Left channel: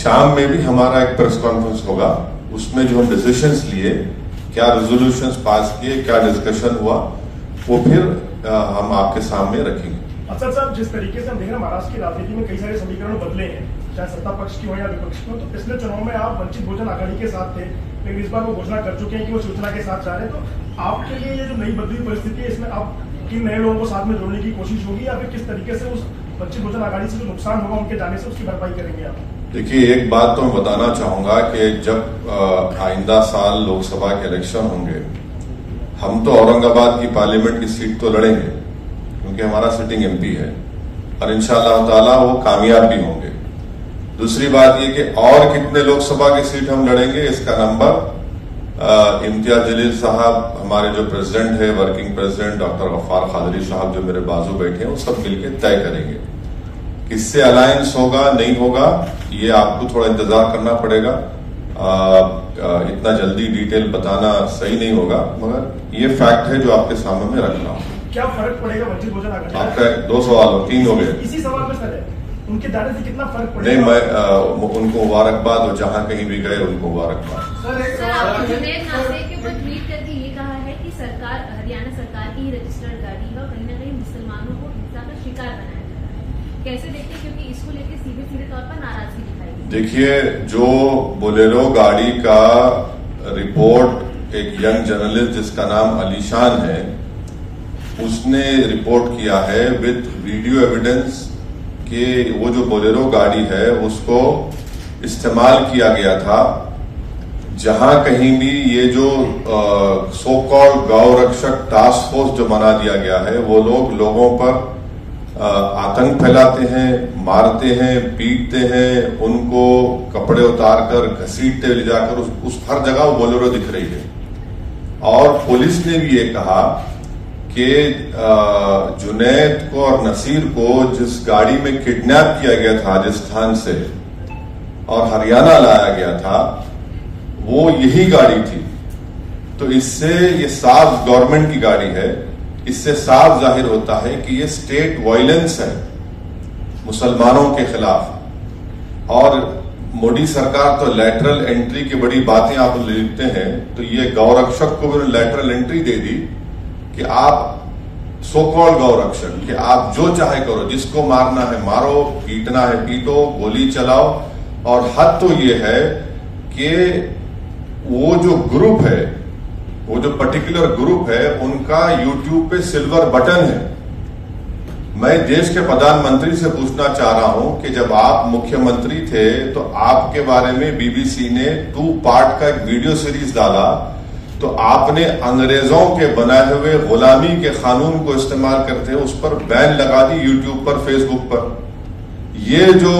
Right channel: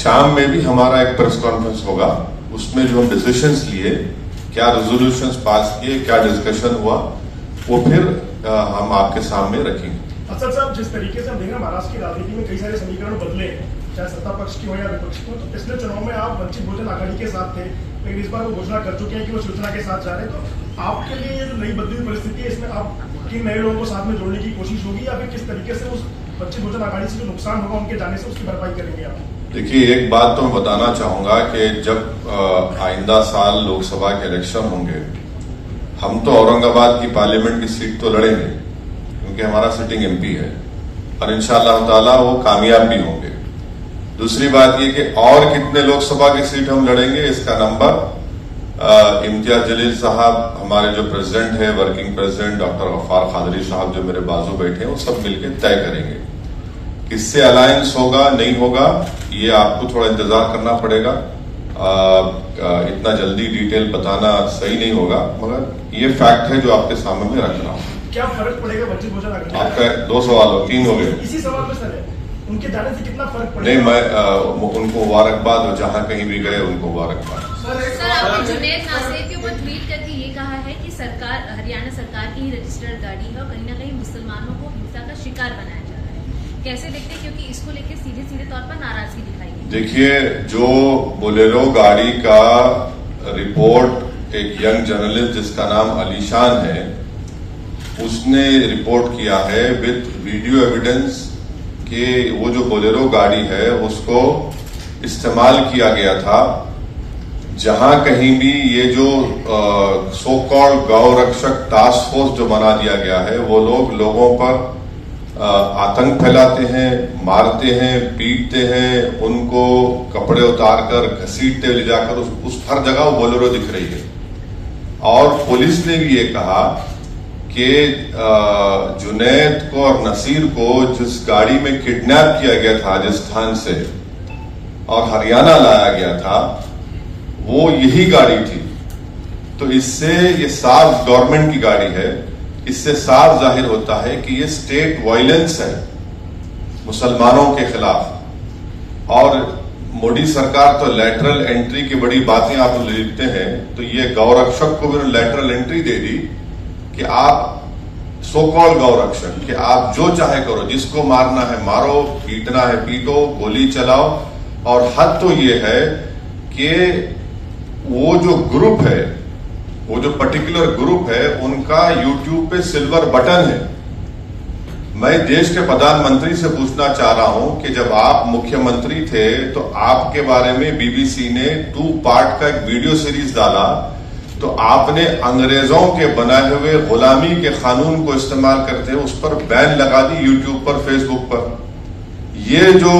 शाम में भी हमारा एक प्रेस कॉन्फ्रेंस होगा, उसमें जो हम डिसीजंस लिए, क्या रेजोल्यूशंस पास किए, क्या डिस्कशन हुआ, वो फिर हम आपके सामने रखेंगे। अफसर साहब, जिस तरीके से हम देख रहे हैं महाराष्ट्र की राजनीति में कई सारे समीकरण बदले हैं, चाहे सत्ता पक्ष की हो या विपक्ष की हो, तो पिछले चुनाव में आप वंचित बहुजन आघाड़ी के साथ थे, लेकिन इस बार वो घोषणा कर चुके हैं कि वो शिवसेना के साथ जा रहे हैं। तो आपके लिए ये जो नई बदली हुई परिस्थिति है, इसमें आप किन नए लोगों को साथ में जोड़ने की कोशिश होगी, या फिर किस तरीके से उस वंचित बहुजन आघाड़ी से जो नुकसान होगा उनके जाने से उसकी भरपाई करेंगे आप? देखिए, एक बात तो मैं बताना चाहूंगा कि जब आइंदा साल लोकसभा के इलेक्शन होंगे, हम तो औरंगाबाद की पार्लियामेंट की सीट तो लड़ेंगे क्योंकि हमारा सिटिंग एमपी है, और इंशाअल्लाह ताला वो कामयाब भी होंगे। दूसरी बात ये कि और कितने लोकसभा की सीट हम लड़ेंगे, इसका नंबर इम्तियाज जलील साहब, हमारे जो प्रेसिडेंट है, working president doctor Gaffar Qadri साहब जो मेरे बाजू बैठे हैं, वो सब मिलकर तय करेंगे। किससे अलायंस होगा नहीं होगा ये आपको थोड़ा इंतजार करना पड़ेगा। इतना जल्दी डिटेल बताना सही नहीं होगा, मगर ये फैक्ट है जो आपके सामने में रख रहा हूं। क्या फर्क पड़ेगा वंचित बहुजन आघाड़ी? आपका 2 सवाल हो, 3 हो गए। इसी सवाल में सर, उनके जाने से कितना फर्क पड़ेगा? नहीं, मैं उनको मुबारकबाद, वो जहां कहीं भी गए उनको मुबारकबाद। सर, आपने जुनैद नासिर के ऊपर ट्वीट करके ये कहा है कि सरकार, हरियाणा सरकार की ही रजिस्टर्ड गाड़ी है और कहीं ना कहीं मुसलमानों को हिंसा का शिकार बनाया जा रहा है। कैसे देखते हैं, क्योंकि इसको लेकर सीधे तौर पर नाराजगी दिखाई गई। देखिए, जो बोलेरो गाड़ी का रिपोर्ट एक यंग जर्नलिस्ट जिसका नाम अलीशान है, उसने रिपोर्ट किया है विद वीडियो एविडेंस कि वो जो बोलेरो गाड़ी है उसको इस्तेमाल किया गया था जहां कहीं भी ये जो सो कॉल्ड गौ रक्षक टास्क फोर्स जो बना दिया गया है, वो लोगों पर आतंक फैलाते हैं, मारते हैं, पीटते हैं, उनको कपड़े उतार कर घसीटते ले जाकर उस हर जगह वो बोलेरो दिख रही है। और पुलिस ने भी ये कहा कि जुनैद को और नसीर को जिस गाड़ी में किडनैप किया गया था राजस्थान से और हरियाणा लाया गया था, वो यही गाड़ी थी। तो इससे ये साफ गवर्नमेंट की गाड़ी है, इससे साफ जाहिर होता है कि ये स्टेट वायलेंस है मुसलमानों के खिलाफ। और मोदी सरकार तो लैटरल एंट्री की बड़ी बातें आप लिखते हैं, तो ये गौरक्षक को भी लैटरल एंट्री दे दी कि आप सो कॉल्ड गौरक्षक, कि आप जो चाहे करो, जिसको मारना है मारो, पीटना है पीटो, गोली चलाओ। और हद तो ये है कि वो जो ग्रुप है, वो जो पर्टिकुलर ग्रुप है, उनका यूट्यूब पे सिल्वर बटन है। मैं देश के प्रधानमंत्री से पूछना चाह रहा हूं कि जब आप मुख्यमंत्री थे तो आपके बारे में बीबीसी ने 2 पार्ट का एक वीडियो सीरीज डाला, तो आपने अंग्रेजों के बनाए हुए गुलामी के कानून को इस्तेमाल करते उस पर बैन लगा दी यूट्यूब पर, फेसबुक पर। ये जो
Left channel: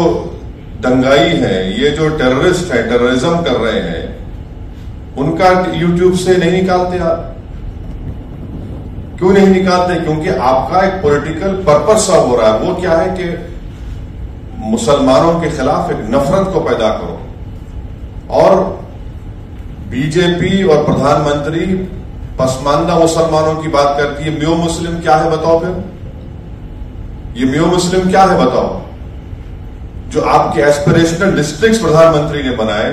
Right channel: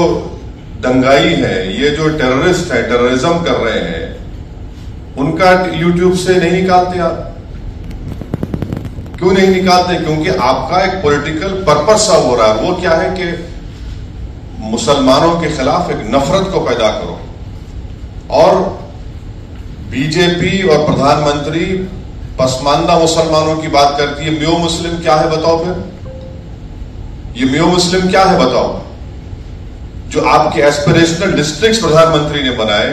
दंगाई है, ये जो टेररिस्ट है, टेररिज्म कर रहे हैं, उनका यूट्यूब से नहीं निकालते आप? क्यों नहीं निकालते? क्योंकि आपका एक पॉलिटिकल पर्पस सा हो रहा है। वो क्या है कि मुसलमानों के खिलाफ एक नफरत को पैदा करो। और बीजेपी और प्रधानमंत्री पसमानदा मुसलमानों की बात करती है। म्यो मुस्लिम क्या है बताओ? फिर ये म्यो मुस्लिम क्या है बताओ? जो आपके एस्पिरेशनल डिस्ट्रिक्ट प्रधानमंत्री ने बनाए,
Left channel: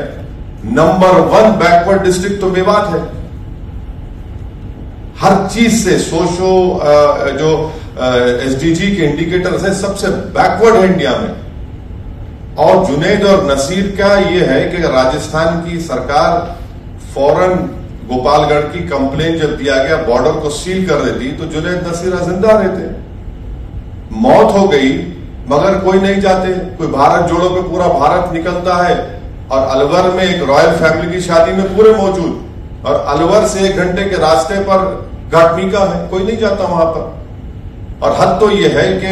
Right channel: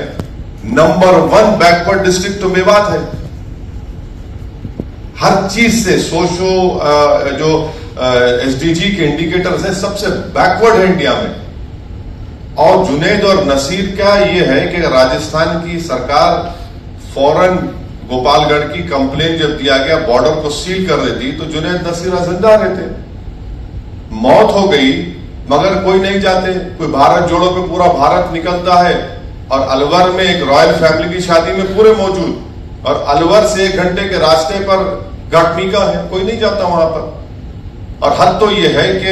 नंबर 1 बैकवर्ड डिस्ट्रिक्ट तो मेवात है। हर चीज से सोशो जो एसडीजी के इंडिकेटर्स है, सबसे बैकवर्ड है इंडिया में। और जुनैद और नसीर का ये है कि राजस्थान की सरकार फौरन गोपालगढ़ की कंप्लेन जब दिया गया, बॉर्डर को सील कर देती, तो जुनैद नसीर जिंदा रहते। मौत हो गई मगर कोई नहीं जाते। कोई भारत जोड़ो पे पूरा भारत निकलता है, और अलवर में एक रॉयल फैमिली की शादी में पूरे मौजूद, और अलवर से 1 घंटे के रास्ते पर घाटमिका है, कोई नहीं जाता वहां पर। और हद तो यह है कि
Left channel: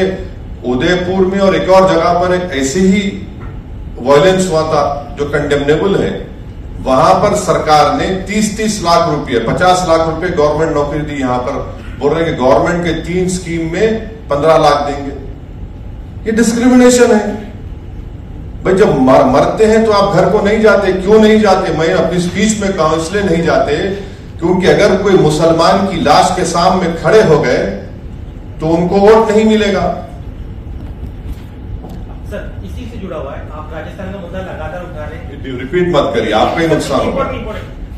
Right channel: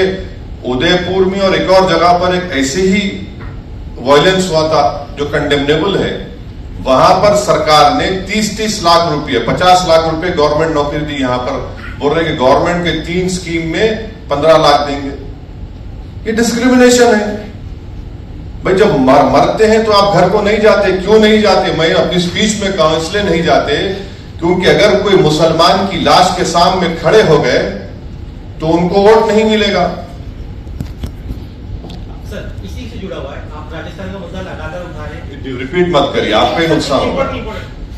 उदयपुर में और एक और जगह पर एक ऐसे ही वायलेंस हुआ था जो कंडेमनेबल है। वहां पर सरकार ने 30-30 लाख रुपए, 50 लाख रुपए गवर्नमेंट नौकरी दी। यहां पर बोल रहे कि गवर्नमेंट के 3 स्कीम में 15 लाख देंगे। ये डिस्क्रिमिनेशन है भाई। जब मरते हैं तो आप घर को नहीं जाते, क्यों नहीं जाते? मैं अपनी स्पीच में कहा इसलिए नहीं जाते क्योंकि अगर कोई मुसलमान की लाश के सामने खड़े हो गए तो उनको वोट नहीं मिलेगा। सर इसी से जुड़ा हुआ है, आप राजस्थान का मुद्दा लगातार उठा रहे हैं, रिपीट मत करिए, आपका ही नुकसान होगा।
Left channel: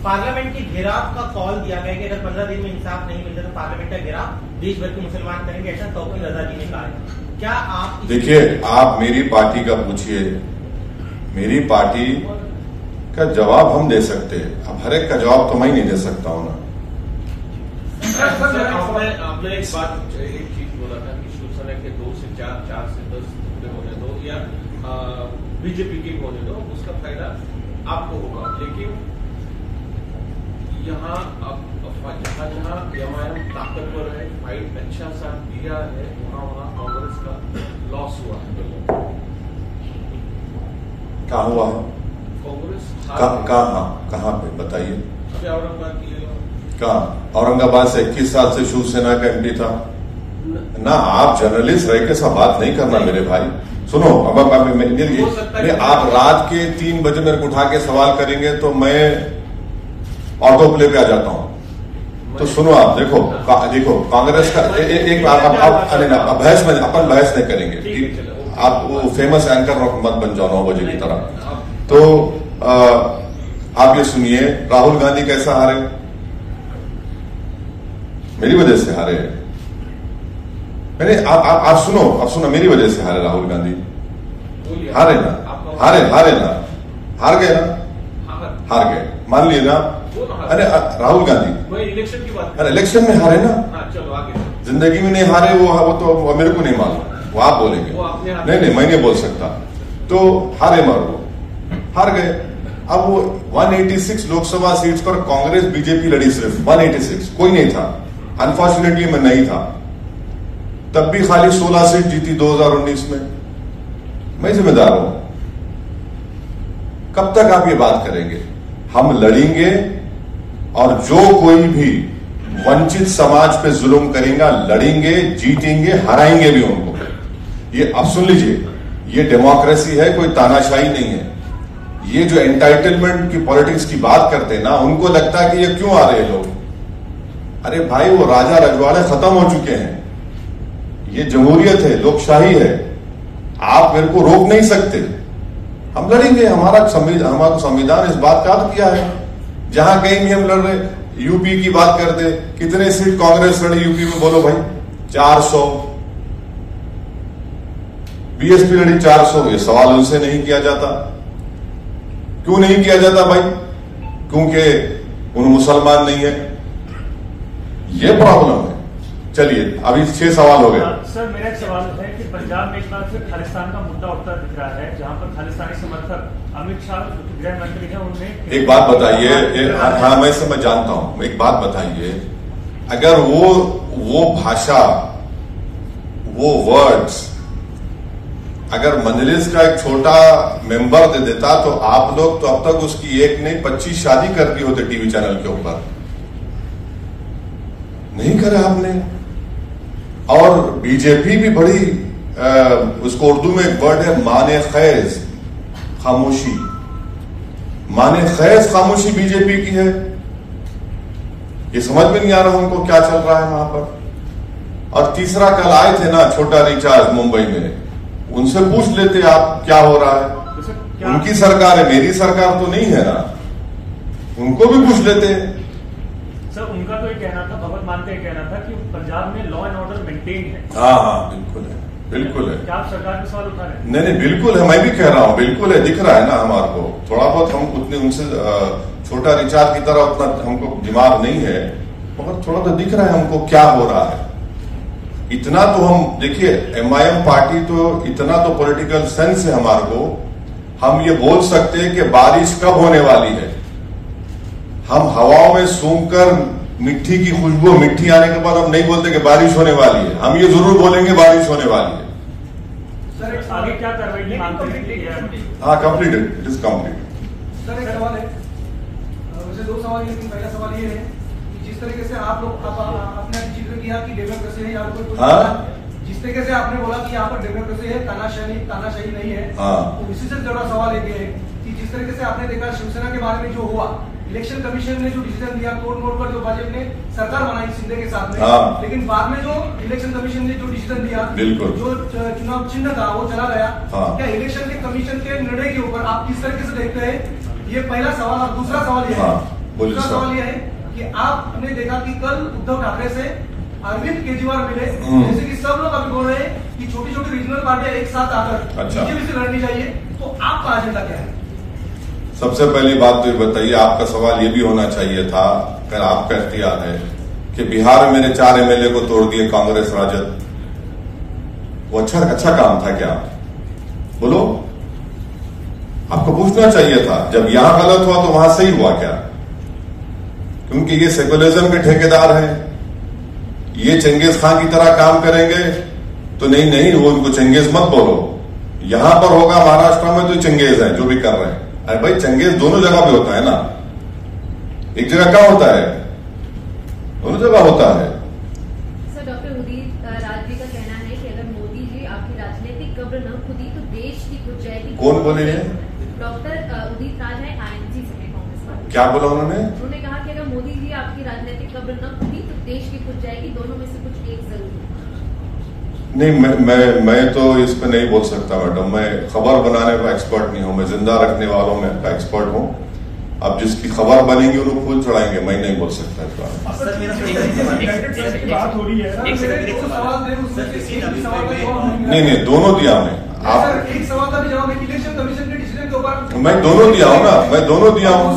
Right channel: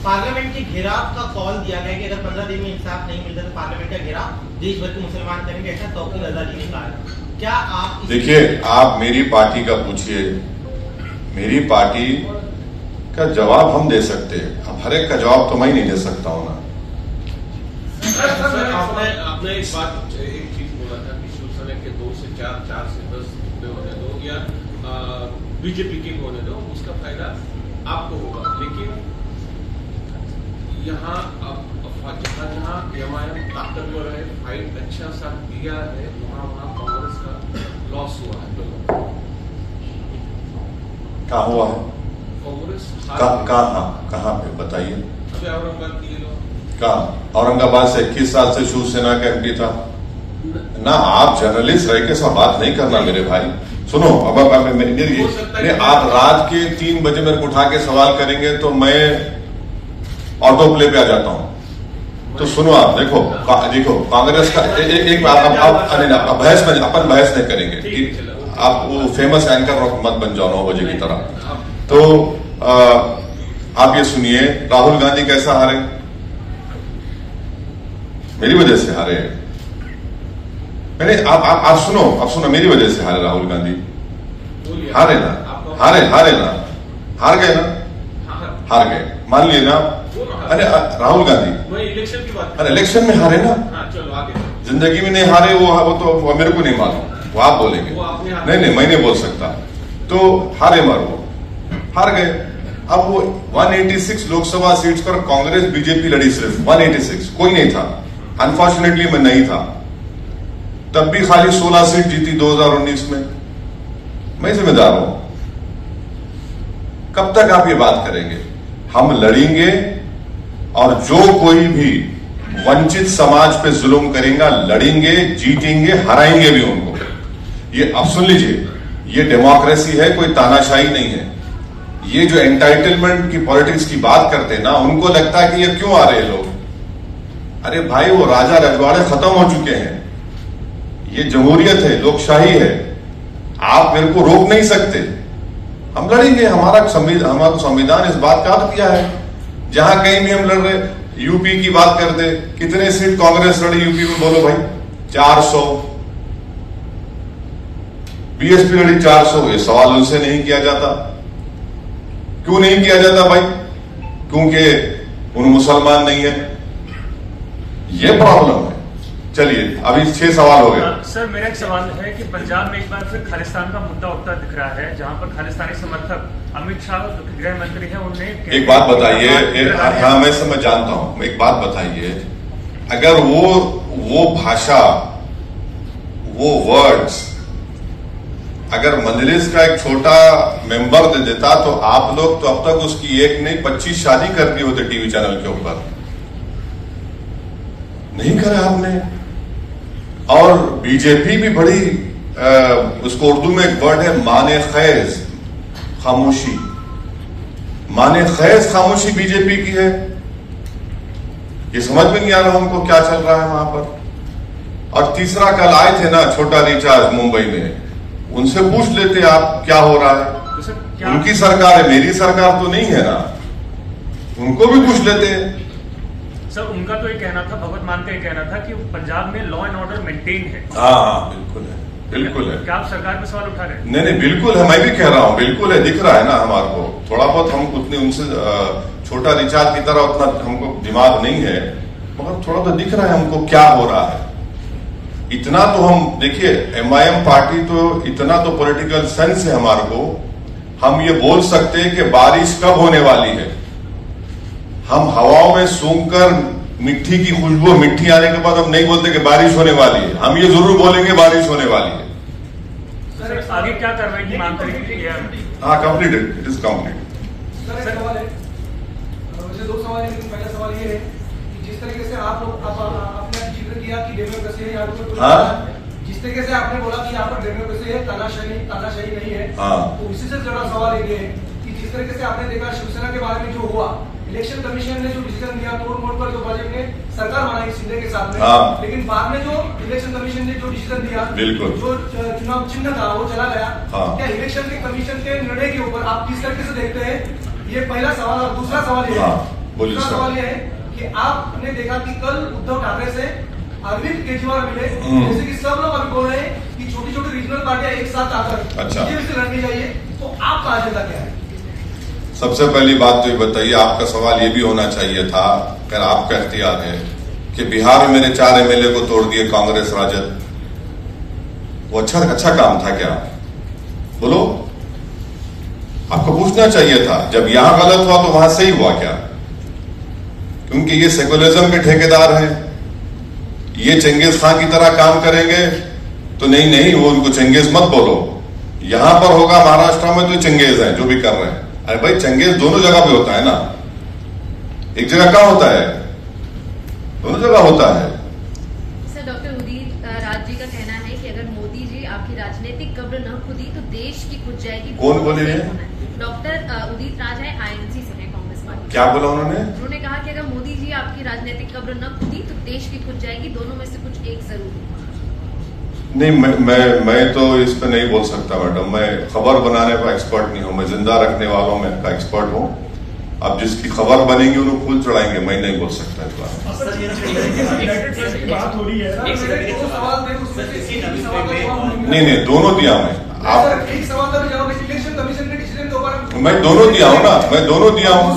पार्लियामेंट की घेराव का कॉल दिया गया कि अगर 15 दिन में इंसाफ नहीं मिलता तो पार्लियामेंट का घेराव देश भर के मुसलमान करेंगे, ऐसा तौकीर आजादी ने कहा है। क्या आप देखिए, आप मेरी पार्टी का पूछिए, मेरी पार्टी का जवाब हम दे सकते हैं, अब हर एक का जवाब तो मैं ही नहीं दे सकता हूं ना। आपने एक चीज बोला था कि शिवसेना के 2 से 4, 4 से 10 टुकड़े होने दो या बीजेपी के होने दो, उसका फायदा आपको होगा। लेकिन यहाँ अब जहाँ एमआईएम ताकतवर है, फाइट अच्छा सा दिया है, वहाँ कांग्रेस का लॉस हुआ है। कहाँ हुआ है? कांग्रेस कहाँ पे बताइए? अभी औरंगाबाद की कहाँ? औरंगाबाद से 21 साल से शिवसेना का एमपी था ना। आप जर्नलिस्ट रह के सब बात नहीं करना मेरे भाई। सुनो, अब आप रात के 3 बजे मेरे को उठा के सवाल करेंगे तो मैं ऑटो प्ले पे आ जाता हूं। तो सुनो, आप देखो कांग्रेस का एक बहस में अपन बहस नहीं करेंगे। आप वो फेमस एंकर मत बन जाओ 9 बजे की तरह। तो आप ये सुनिए, राहुल गांधी कैसा हारे? मेरी वजह से हारे। मैंने आप सुनो, मेरी वजह से हारे राहुल गांधी। हारे ना, हार गए मान लिए ना। अरे राहुल गांधी इलेक्शन की बात, अरे इलेक्शन में हारे ना। चलो आगे। जिंदगी में नहीं हारे, वो तो मेरे को नहीं मालूम, वो आप बोलेंगे। नहीं मैं नहीं बोल सकता। तो हारे हार गए। अब वो 186 लोकसभा सीट्स पर कांग्रेस बीजेपी लड़ी, सिर्फ 186, कोई नहीं था। अनफॉर्चुनेटली मैं नहीं था, तब भी खाली 16 सीट जीती 2019 में। मैं जिम्मेदार हूं। कब तक आप ये बात करेंगे? हम लड़ेंगे, और जो कोई भी वंचित समाज पे जुल्म करेगा लड़ेंगे, जीतेंगे, हराएंगे भी उनको। ये अब सुन लीजिए, ये डेमोक्रेसी है, कोई तानाशाही नहीं है। ये जो एंटाइटलमेंट की पॉलिटिक्स की बात करते हैं ना, उनको लगता है कि ये क्यों आ रहे हैं लोग। अरे भाई, वो राजा रजवाड़े खत्म हो चुके हैं। ये जमहूरियत है, लोकशाही है, आप मेरे को रोक नहीं सकते। हम लड़ेंगे, हमारा संविधान इस बात का अर्थ किया है। जहां कहीं भी हम लड़ रहे, यूपी की बात करते, कितने सीट कांग्रेस लड़ी यूपी में बोलो भाई? 400। बीएसपी लड़ी 400। ये सवाल उनसे नहीं किया जाता। क्यों नहीं किया जाता भाई? क्योंकि उन मुसलमान नहीं है। ये प्रॉब्लम है। चलिए, अभी 6 सवाल हो गए। सर, मेरा एक सवाल है कि पंजाब में एक बार फिर खालिस्तान का मुद्दा उठता दिख रहा है, जहां पर खालिस्तानी समर्थक अमित शाह गृह मंत्री हैं, उन्होंने एक बात बताइए। हाँ, मैं समझ जानता हूं। एक बात बताइए, अगर वो भाषा, वो वर्ड्स अगर मजलिस का एक छोटा मेंबर दे देता तो आप लोग तो अब तक उसकी एक नहीं 25 शादी कर दी होते टीवी चैनल के ऊपर। नहीं करे आपने। और बीजेपी भी बड़ी, उसको उर्दू में एक वर्ड है माने खैज, खामोशी। माने खैज खामोशी बीजेपी की है। ये समझ में नहीं आ रहा उनको क्या चल रहा है वहां पर। और तीसरा, कल आए थे ना छोटा रिचार्ज मुंबई में, उनसे पूछ लेते आप क्या हो रहा है। तो उनकी सरकार है, मेरी सरकार तो नहीं है ना। उनको भी पूछ लेते हैं। सर, उनका तो ये कहना था, भगवत मान का ये कहना था कि पंजाब में लॉ एंड ऑर्डर मेंटेन है। हाँ, बिल्कुल है, बिल्कुल है। क्या आप सरकार पे सवाल उठा रहे हैं? नहीं, बिल्कुल है। मैं भी कह रहा हूं, बिल्कुल है। दिख रहा है ना हमारे को। थोड़ा बहुत हम उतने उनसे छोटा रिचार्ज की तरह उतना हमको दिमाग नहीं है, मगर थोड़ा तो दिख रहा है हमको क्या हो रहा है। इतना तो हम देखिए, एमआईएम पार्टी तो इतना तो पॉलिटिकल सेंस है हमारे को, हम ये बोल सकते हैं कि बारिश कब होने वाली है। हम हवाओं में सूंघकर मिट्टी की खुशबू, मिट्टी आने के बाद हम नहीं बोलते कि बारिश होने वाली है। हम ये जरूर बोलेंगे बारिश होने वाली है। सर, आगे क्या कार्रवाई की मांग करेंगे? हाँ, completed, it is complete. Sir, एक सवाल है, वैसे 2 सवाल है, लेकिन पहला सवाल ये है कि जिस तरीके से आप लोग आपने जिक्र किया कि डेमोक्रेसी है, जिस तरीके से आपने बोला कि यहाँ पर डेमोक्रेसी है, तानाशाही नहीं है, तो इसी से जुड़ा सवाल ये है कि जिस तरीके से आपने देखा शिवसेना के बारे में जो हुआ, इलेक्शन कमीशन ने जो डिसीजन दिया, तोड़ मोड़ पर जो भाजपा ने सरकार बनाई शिंदे के साथ में, लेकिन बाद में जो इलेक्शन कमीशन ने जो डिसीजन दिया, बिल्कुल, जो चुनाव चिन्ह था वो चला गया। हाँ। क्या इलेक्शन के कमीशन के निर्णय के ऊपर आप किस तरीके से देखते हैं? ये पहला सवाल। और दूसरा सवाल ये है, दूसरा सवाल ये है कि आपने देखा कि कल उद्धव ठाकरे से अरविंद केजरीवाल मिले, जैसे कि सब लोग अभी बोल रहे हैं कि छोटी छोटी रीजनल पार्टियां एक साथ आकर बीजेपी से लड़नी चाहिए, तो आपका अजेंडा क्या है? सबसे पहली बात तो ये बताइए, आपका सवाल ये भी होना चाहिए था, अगर आपका इख्तियार है कि बिहार में मेरे 4 एमएलए को तोड़ दिए कांग्रेस राजद, वो अच्छा काम था क्या? बोलो, आपको पूछना चाहिए था। जब यहां गलत हुआ तो वहां सही हुआ क्या? क्योंकि ये सेकुलरिज्म के ठेकेदार हैं, ये चंगेज खान की तरह काम करेंगे तो नहीं, वो उनको चंगेज मत बोलो। यहां पर होगा महाराष्ट्र में तो चंगेज है जो भी कर रहे हैं। अरे भाई, चंगेज दोनों जगह पे होता है ना, एक जगह कहां होता है? दोनों जगह होता है। सर, डॉक्टर उदित राज जी का कहना है कि अगर मोदी जी आपकी राजनीतिक कब्र न खुदी तो देश की खुद जाएगी। कौन बोले? डॉक्टर उदित राज है, आईएनसी से है, कांग्रेस पार्टी। क्या बोला उन्होंने? उन्होंने कहा कि अगर मोदी जी आपकी राजनीतिक कब्र न खुदी तो देश की खुद जाएगी, दोनों में से कुछ एक जरूर होगा। नहीं, मैं तो इस पे नहीं बोल सकता मैडम। मैं खबर बनाने का एक्सपर्ट नहीं हूं, मैं जिंदा रखने वालों में का एक्सपर्ट हूं। अब जिसकी खबर बनेगी उन्हें फूल चढ़ाएंगे, मैं नहीं बोल सकता इस बारे में। बात हो रही है, नहीं, दोनों दिया मैं। आप एक सवाल का भी जवाब है, इलेक्शन कमीशन के डिसीजन के ऊपर मैं दोनों दिया हूं ना, मैं दोनों दिया हूं,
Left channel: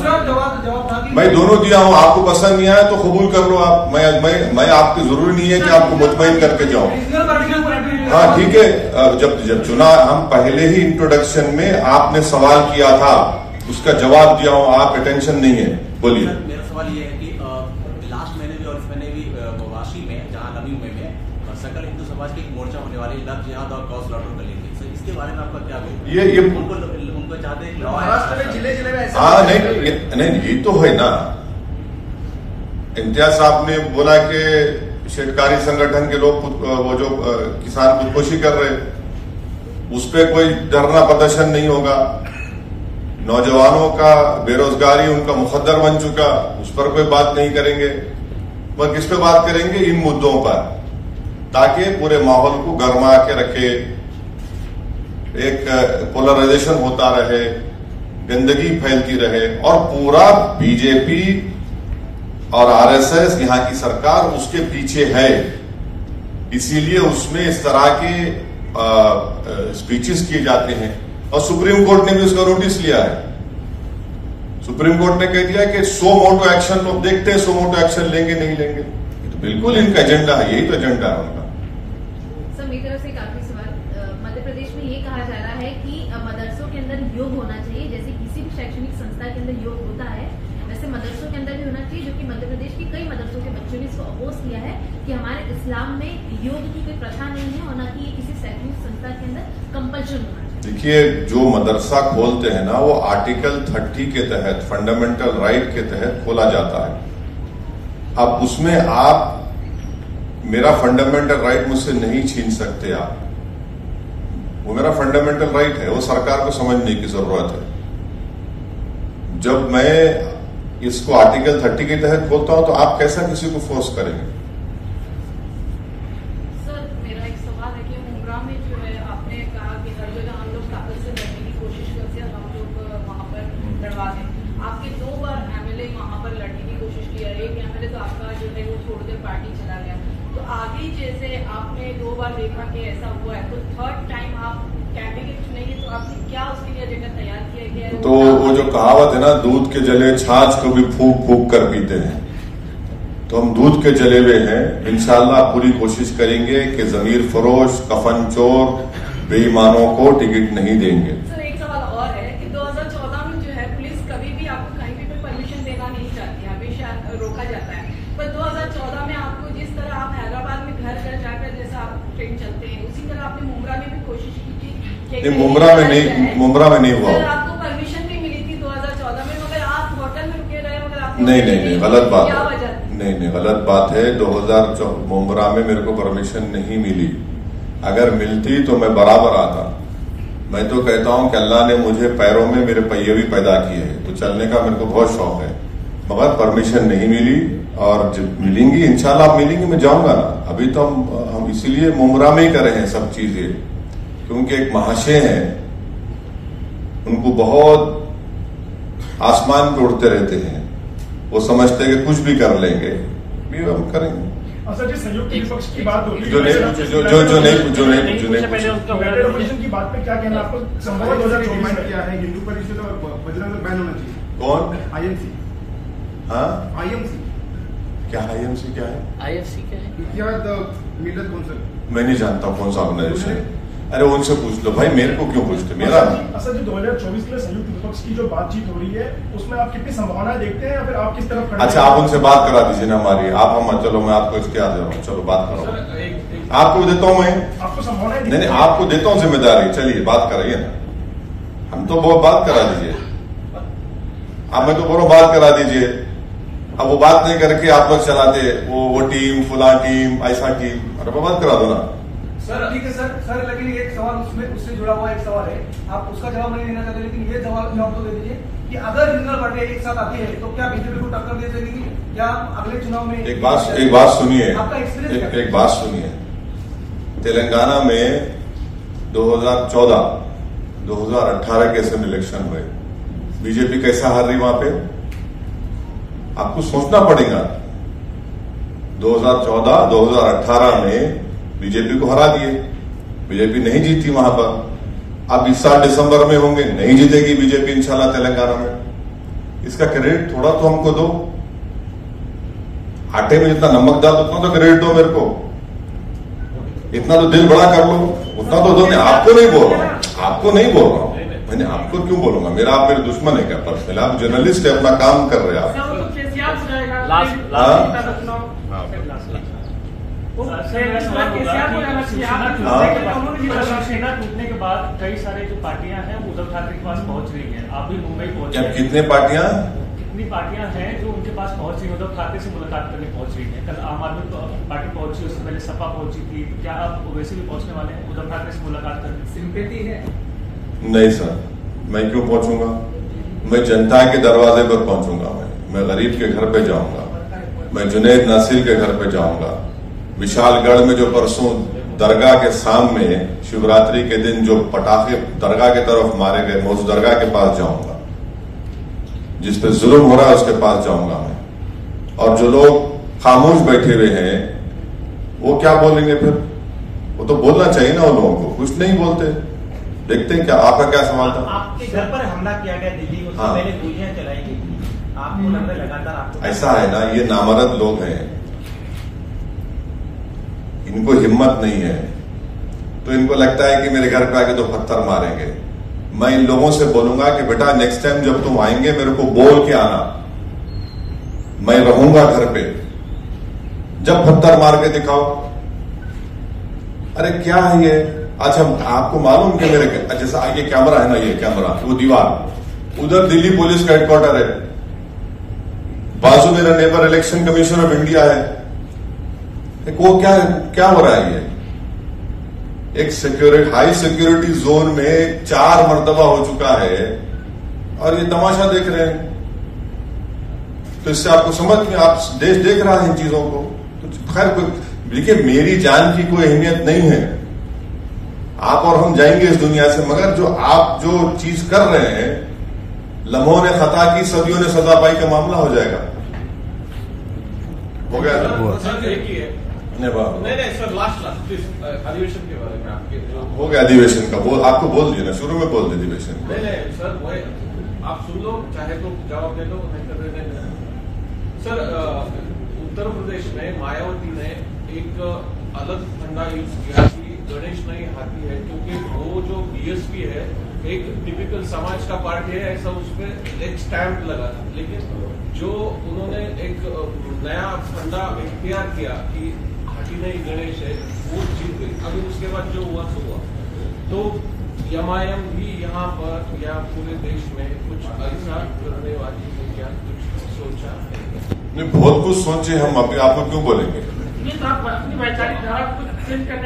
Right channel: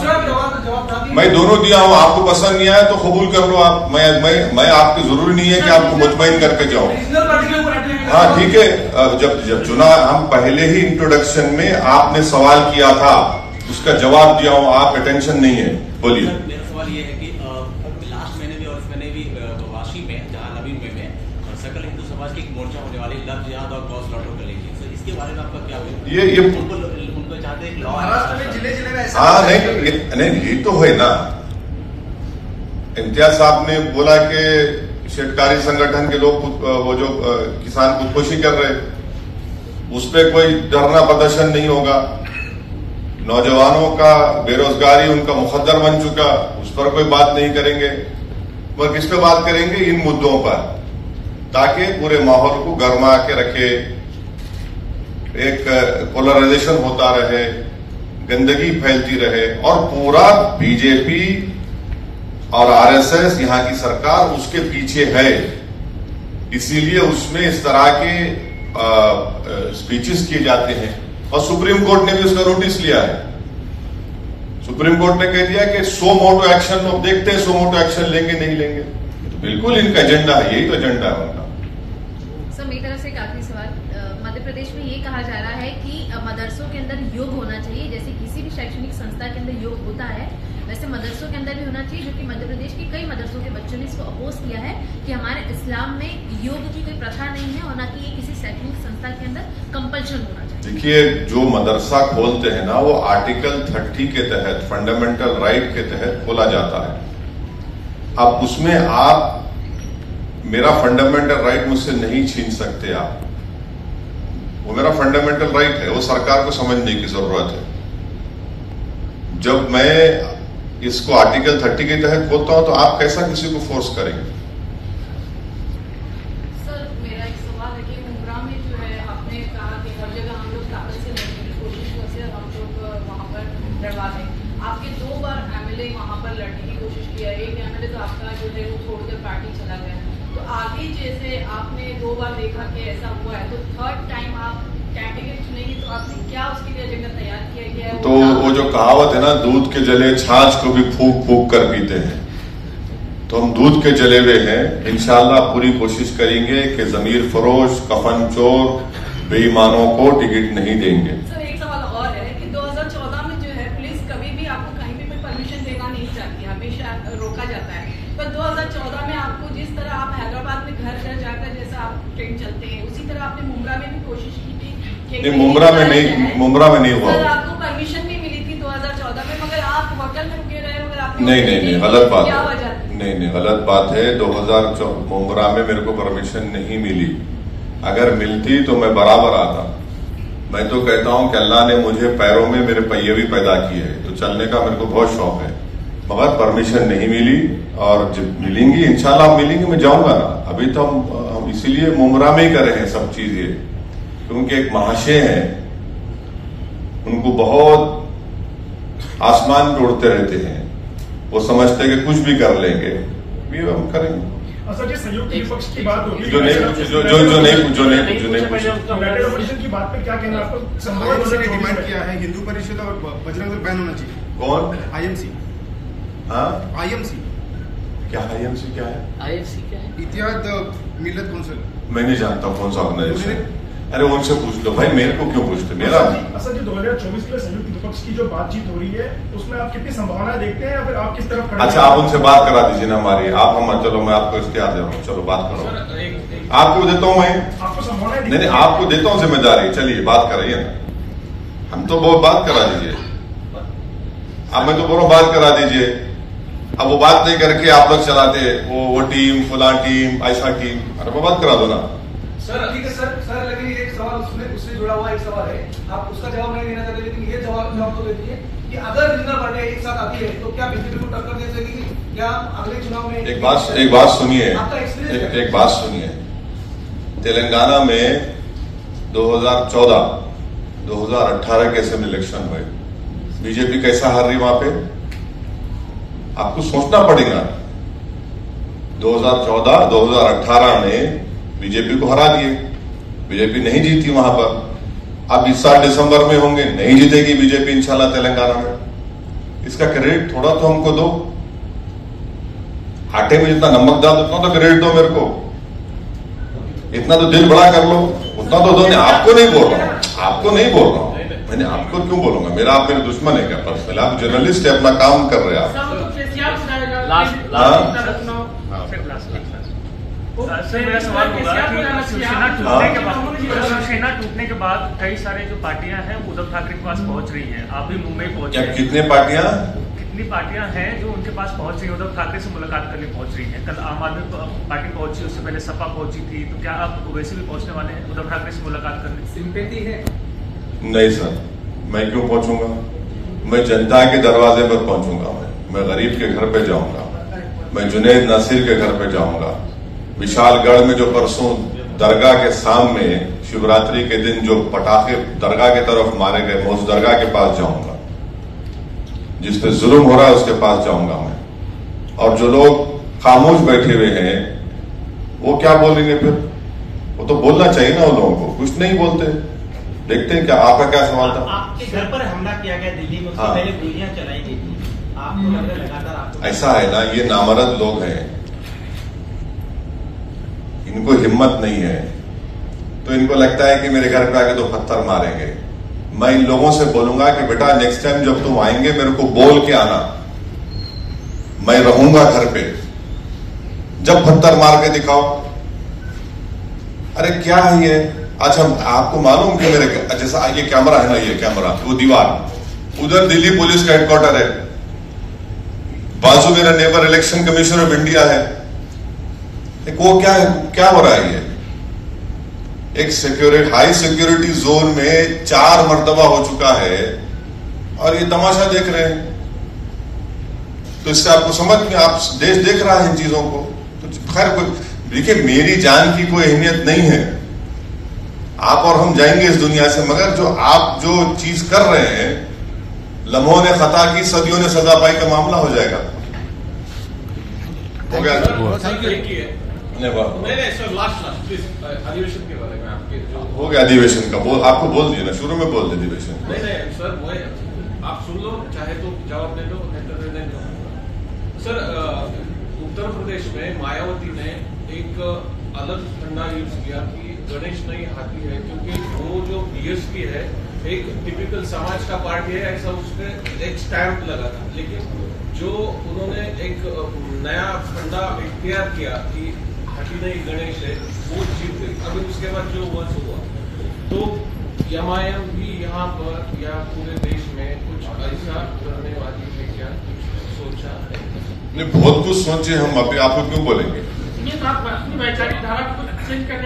मैं दोनों दिया हूं। आपको पसंद नहीं आया तो कबूल कर लो आप। मैं आपकी जरूरी नहीं है कि आपको मुतमईन करके जाऊं। हाँ ठीक है, जब चुना, हम पहले ही इंट्रोडक्शन में आपने सवाल किया था, उसका जवाब दिया हूं, आप अटेंशन नहीं है। बोलिए। मेरा सवाल ये है कि लास्ट महीने भी और इस महीने भी वाशी में, जहां नवी मुंबई में सकल हिंदू समाज की एक मोर्चा होने वाली, लव जिहाद और गौ स्लॉटर करेंगे, इसके बारे में आपका क्या? ये उनको चाहते हैं महाराष्ट्र में जिले में ऐसा? हाँ, नहीं, ये तो है ना। इम्तियाज साहब ने बोला कि शेतकारी संगठन के लोग वो जो किसान खुदकुशी कर रहे, उस पर कोई धरना प्रदर्शन नहीं होगा। नौजवानों का बेरोजगारी उनका मुकद्दर बन चुका, उस पर कोई बात नहीं करेंगे। पर किस पे बात करेंगे? इन मुद्दों पर, ताकि पूरे माहौल को गर्मा के रखे, एक पोलराइजेशन होता रहे, गंदगी फैलती रहे, और पूरा बीजेपी और आरएसएस, यहां की सरकार उसके पीछे है। इसीलिए उसमें इस तरह के स्पीचेस किए जाते हैं। और सुप्रीम कोर्ट ने भी उसका नोटिस लिया है। सुप्रीम कोर्ट ने कह दिया कि सो मोटो एक्शन, लोग देखते हैं सो मोटो एक्शन लेंगे नहीं लेंगे। ये तो बिल्कुल इनका एजेंडा है, यही तो एजेंडा है उनका। सर, मेरी तरफ से एक आखिरी सवाल। मध्य प्रदेश में ये कहा जा रहा है कि मदरसों के अंदर योग होना चाहिए, जैसे किसी भी शैक्षणिक संस्था के अंदर योग होता है, वैसे मदरसों के अंदर भी होना चाहिए, जो कि मध्य प्रदेश के कई मदरसों के बच्चों ने इसको अपोज किया है कि हमारे इस्लाम में योग की कोई प्रथा नहीं है, और न कि ये किसी शैक्षणिक संस्था के अंदर कंपल्शन होना चाहिए। देखिए, जो मदरसा खोलते हैं ना, वो आर्टिकल 30 के तहत, फंडामेंटल राइट के तहत खोला जाता है। अब उसमें आप मेरा फंडामेंटल राइट मुझसे नहीं छीन सकते। आप, वो मेरा फंडामेंटल राइट है, वो सरकार को समझने की जरूरत है। जब मैं इसको आर्टिकल 30 के तहत खोलता हूं तो आप कैसा किसी को फोर्स करेंगे? सर, मेरा एक सवाल है कि मुंब्रा में जो है, आपने कहा कि हर जगह हम लोग ताकत से लड़ने की कोशिश करते हैं, हम लोग वहां पर लड़वाते हैं। आपके 2 बार एमएलए वहां पर लड़ने की कोशिश किया, एक एमएलए तो आपका जो है वो छोड़कर पार्टी चला गया। तो आगे जैसे आपने 2 बार देखा कि ऐसा हुआ है, तो 3rd टाइम आप कैंडिडेट चुनेंगे, तो आपने क्या उसके लिए एजेंडा तैयार किया गया है? तो वो जो कहावत है ना, दूध के जले छाछ को भी फूंक फूंक कर पीते हैं, तो हम दूध के जले हुए हैं। इंशाल्लाह पूरी कोशिश करेंगे कि जमीर फरोश, कफन चोर, बेईमानों को टिकट नहीं देंगे। सर, एक सवाल और है कि 2014 में जो है पुलिस कभी भी आपको कहीं भी परमिशन देना नहीं चाहती, हमेशा रोका जाता है। पर 2014 में आपको जिस तरह आप हैदराबाद में घर घर जाकर जैसा आप ट्रेन चलते हैं, उसी तरह आपने मुंब्रा में भी कोशिश की थी। नहीं, मुंब्रा में नहीं हुआ। सर, आपको परमिशन भी मिली थी 2014 में, मगर आप होटल में रुके रहे, मगर आप नहीं, गलत बात क्या है। वजह? नहीं, गलत बात है। 2014 मुंब्रा में मेरे को परमिशन नहीं मिली। अगर मिलती तो मैं बराबर आता। मैं तो कहता हूं कि अल्लाह ने मुझे पैरों में मेरे पहिए भी पैदा किए हैं, तो चलने का मेरे को बहुत शौक है। मगर परमिशन नहीं मिली, और जब मिलेंगी इंशाल्लाह मिलेंगी, मैं जाऊंगा ना। अभी तो हम इसीलिए मुमरा में ही कर रहे हैं सब चीजें, क्योंकि एक महाशय हैं, उनको बहुत आसमान पे उड़ते रहते हैं, वो समझते हैं कि कुछ भी कर लेंगे, ये हम करेंगे। सर, संयुक्त विपक्ष की बात होगी, जो की बात पे क्या कहना आपको? डिमांड किया है हिंदू परिषद और बजरंग दल बैन होना चाहिए। कौन? आईएमसी। हाँ, आईएमसी क्या? आईएमसी क्या है? आईएमसी क्या है? इतिहाद मिल्लत कौंसिल। मैं नहीं जानता कौन सा ऑर्गेनाइजेशन। अरे उनसे पूछ लो भाई, मेरे को क्यों पूछते? मेरा असद जी 2024 के संयुक्त विपक्ष की जो बातचीत हो रही है, उसमें आप कितनी संभावना देखते हैं, या फिर आप किस तरफ खड़े? अच्छा, आप उनसे बात करा दीजिए ना हमारी। आप हम चलो, मैं आपको इसके आदे हूँ, चलो बात करो। आपको देता हूँ मैं, आपको संभावना नहीं, आपको देता हूँ जिम्मेदारी। चलिए बात कराइए ना, हम तो बहुत बात करा दीजिए। आप मैं तो बोलो बात करा दीजिए। अब वो बात नहीं करके आप लोग चलाते, वो टीम, फुला टीम, ऐसा टीम, अरे वो बात करा दो ना। सर ठीक है सर, लेकिन एक सवाल उससे जुड़ा हुआ एक सवाल है, आप उसका जवाब नहीं देना चाहते, लेकिन ये जवाब तो दे दीजिए कि अगर रीजनल पार्टियां एक साथ आती है तो क्या बीजेपी को टक्कर दे सकेगी? क्या अगले चुनाव में? एक बात सुनिए, आपका एक्सपीरियंस एक बात सुनिए। तेलंगाना में 2014, 2018 के असेंबली इलेक्शन में बीजेपी कैसा हार रही वहां पे, आपको सोचना पड़ेगा। 2014, 2018 में बीजेपी को हरा दिए, बीजेपी नहीं जीती वहां पर। अब इस साल दिसंबर में होंगे, नहीं जीतेगी बीजेपी इंशाल्लाह तेलंगाना में। इसका क्रेडिट थोड़ा तो हमको दो। आटे में जितना नमक डाल उतना तो क्रेडिट दो मेरे को, इतना तो दिल बड़ा कर लो, उतना तो दो। आपको नहीं बोल रहा हूं, आपको नहीं बोल रहा हूं, मैंने आपको क्यों बोलूंगा? मेरा आप मेरे दुश्मन है क्या पर्सनल? आप जर्नलिस्ट है, अपना काम कर रहे हैं आप। सर, मेरा सवाल होगा कि शिवसेना टूटने के बाद कई सारे जो पार्टियां हैं उद्धव ठाकरे के पास पहुंच रही हैं। आप भी मुंबई पहुंचे, कितनी पार्टियां हैं जो उनके पास पहुंच रही हैं, उद्धव ठाकरे से मुलाकात करने पहुंच रही हैं? कल आम आदमी पार्टी पहुंची, उससे पहले सपा पहुंची थी, तो क्या आप वैसे भी पहुंचने वाले हैं उद्धव ठाकरे से मुलाकात करने? सिंपैथी है? नहीं सर, मैं क्यों पहुंचूंगा? मैं जनता के दरवाजे पर पहुंचूंगा, मैं गरीब के घर पे जाऊंगा, मैं जुनैद नासिर के घर पे जाऊंगा। विशालगढ़ में जो परसों दरगाह के सामने शिवरात्रि के दिन जो पटाखे दरगाह की तरफ मारे गए, मैं उस दरगाह के पास जाऊंगा। जिस पे जुल्म हो रहा है उसके पास जाऊंगा मैं। और जो लोग खामोश बैठे हुए हैं वो क्या बोलेंगे फिर? वो तो बोलना चाहिए ना उन लोगों को, कुछ नहीं बोलते। देखते हैं क्या, आपका क्या सवाल था? आपके घर पर हमला किया गया दिल्ली में, उससे पहले गोलियां चलाई गई थी, आपको लगातार आपको ऐसा है ना, ये नामर्द लोग हैं, इनको हिम्मत नहीं है, तो इनको लगता है कि मेरे घर पे आके 2 पत्थर मारेंगे। मैं इन लोगों से बोलूंगा कि बेटा नेक्स्ट टाइम जब तुम आएंगे मेरे को बोल के आना, मैं रहूंगा घर पे, जब पत्थर मार के दिखाओ। अरे क्या है ये? अच्छा, आपको मालूम कि मेरे जैसा ये कैमरा है ना, ये कैमरा, वो दीवार, उधर दिल्ली पुलिस का हेडक्वार्टर है, बाजू मेरा neighbour election commission of India है। वो क्या हो रहा है? ये एक हाई सिक्योरिटी जोन में 4 मर्तबा हो चुका है और ये तमाशा देख रहे हैं। तो इससे आपको समझ में, आप देश देख रहा है इन चीजों को। तो खैर देखिए, मेरी जान की कोई अहमियत नहीं है, आप और हम जाएंगे इस दुनिया से, मगर जो आप जो चीज कर रहे हैं, लम्हों ने खता की सदियों ने सजा पाई का मामला हो जाएगा। हो गया नहीं सर, लास्ट अधिवेशन के बारे में आपके हो गया। अधिवेशन का आपको बोल दिया ना, शुरू में बोल दे अधिवेशन। नहीं सर, वो आप सुन लो, चाहे तो जवाब दे दो, नहीं तो दे देंगे। सर, उत्तर प्रदेश में मायावती ने एक अलग फंडा यूज किया कि गणेश नहीं हाथी है, क्योंकि वो जो बीएसपी है एक टिपिकल समाज का पार्टी है, ऐसा उसमें एक स्टैंप लगा था। लेकिन जो उन्होंने एक नया फंडा इख्तियार किया कि हाथी नहीं गणेश है, वो जीत गई। अभी उसके बाद जो हुआ तो एमआईएम भी यहाँ पर या पूरे देश में कुछ ऐसा करने वाली है क्या? सोचा नहीं, बहुत कुछ सोचे हम। अभी आपको क्यों बोलेंगे?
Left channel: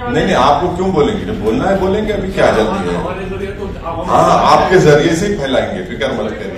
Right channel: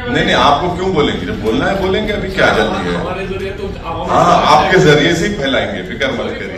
नहीं, आपको क्यों बोलेंगे? जब बोलना है बोलेंगे, अभी क्या जल्दी है? हमारे जरिए तो हाँ, आपके जरिए से ही फैलाएंगे, फिक्र मत करिए।